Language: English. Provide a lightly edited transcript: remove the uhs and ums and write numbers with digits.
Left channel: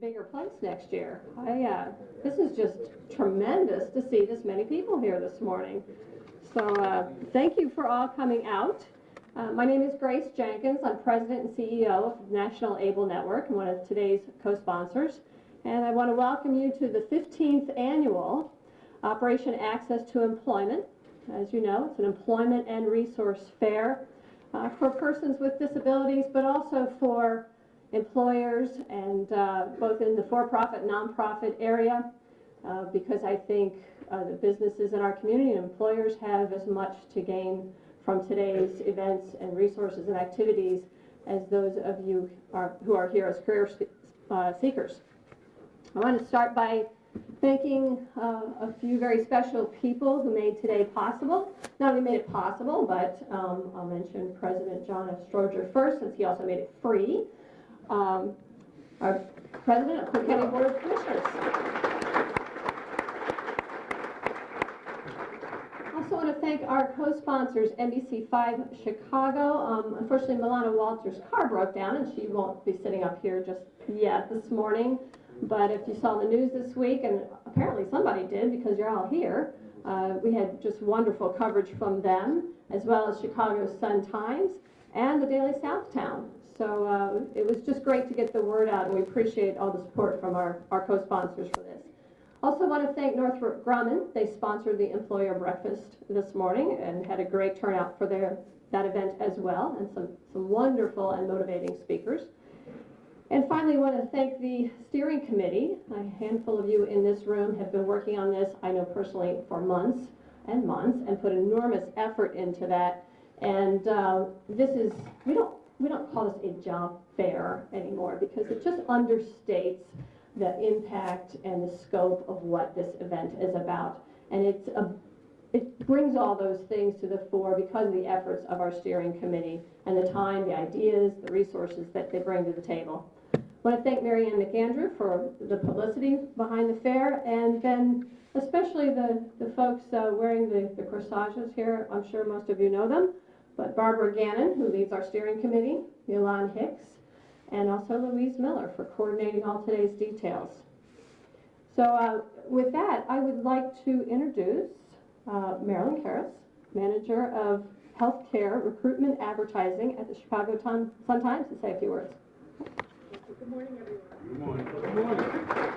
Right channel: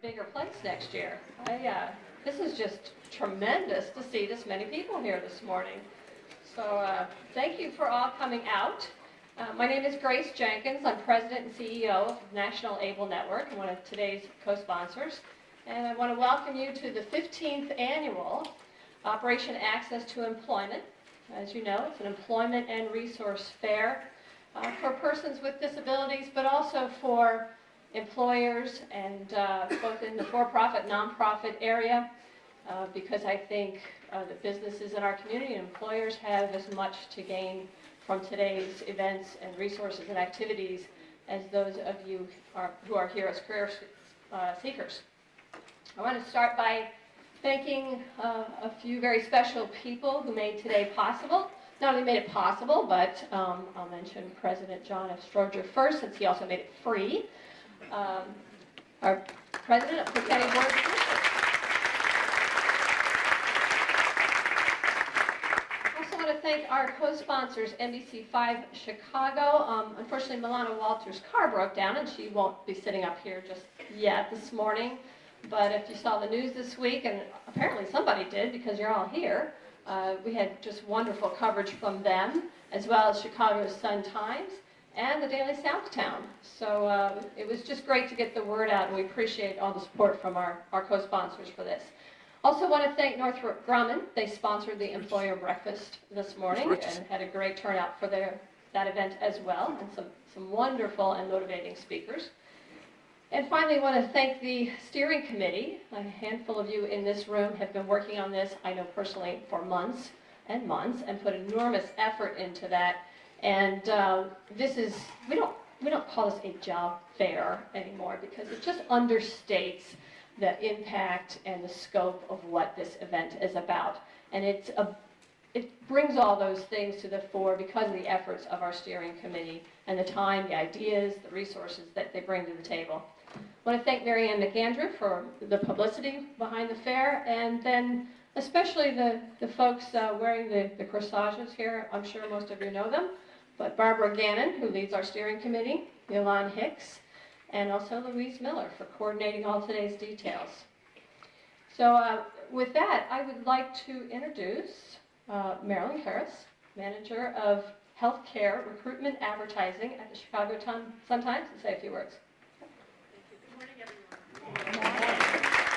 bigger place next year. This is just tremendous to see this many people here this morning. So thank you for all coming out. My name is Grace Jenkins. I'm President and CEO of the National ABLE Network and one of today's co-sponsors. And I want to welcome you to the 15th annual Operation Access to Employment. As you know, it's an employment and resource fair for persons with disabilities, but also for employers and both in the for-profit, nonprofit area, because I think the businesses in our community and employers have as much to gain from today's events and resources and activities as those of you who are here as career seekers. I want to start by thanking a few very special people who made today possible. Not only made it possible, but I'll mention President John F. Stroger first, since he also made it free. Our President of Cook County Board of Commissioners. I also want to thank our co-sponsors, NBC5 Chicago. Unfortunately, Milana Walters' car broke down, and she won't be sitting up here just yet this morning. But if you saw the news this week, and apparently somebody did because you're all here, we had just wonderful coverage from them, as well as Chicago Sun-Times and the Daily Southtown. So it was just great to get the word out, and we appreciate all the support from our co-sponsors for this. Also want to thank Northrop Grumman. They sponsored the employer breakfast this morning and had a great turnout for that event as well, and some wonderful and motivating speakers. And finally, I want to thank the steering committee. A handful of you in this room have been working on this, I know personally, for months and months, and put enormous effort into that. And we don't call this a job fair anymore, because it just understates the impact and the scope of what this event is about. And it brings all those things to the fore because of the efforts of our steering committee and the time, the ideas, the resources that they bring to the table. I want to thank Mary Ann McAndrew for the publicity behind the fair, and then especially the folks wearing the corsages here. I'm sure most of you know them, but Barbara Gannon, who leads our steering committee, Milan Hicks, and also Louise Miller for coordinating all today's details. So with that, I would like to introduce Marilyn Harris, Manager of Healthcare Recruitment Advertising at the Chicago Sun-Times, to say a few words. Good morning, everyone. Good morning.